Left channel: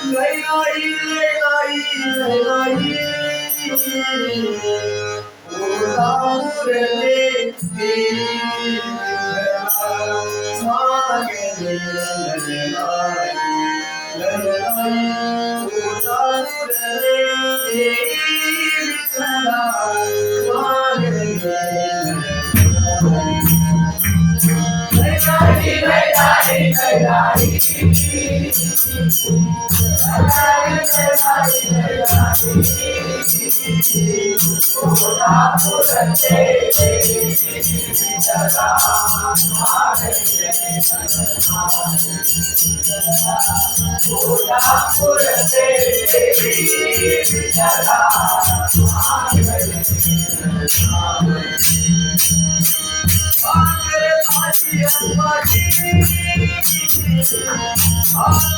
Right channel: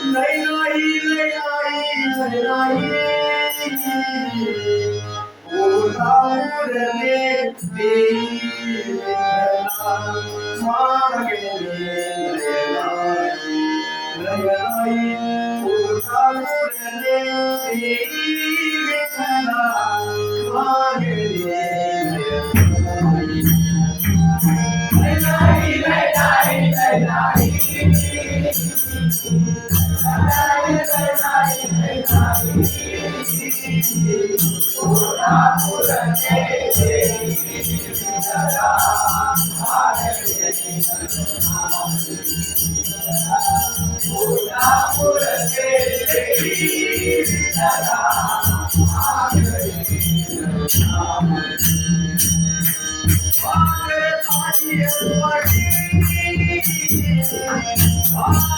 来到伊来的地方来到伊犁无的大雅的地方来到了来到来到了来了来到了来 Oh,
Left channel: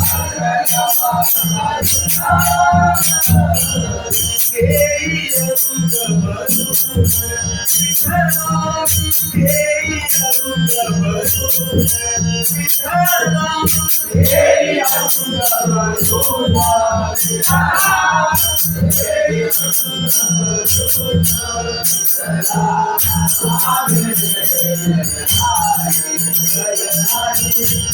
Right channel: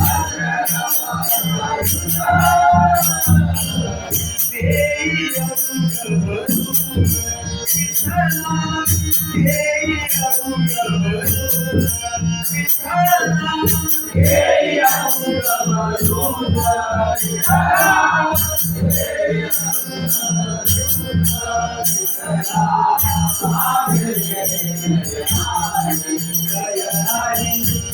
Hey, I'm the Glory,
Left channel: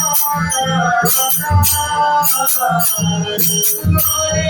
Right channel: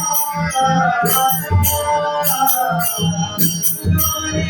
honor, honor, glory,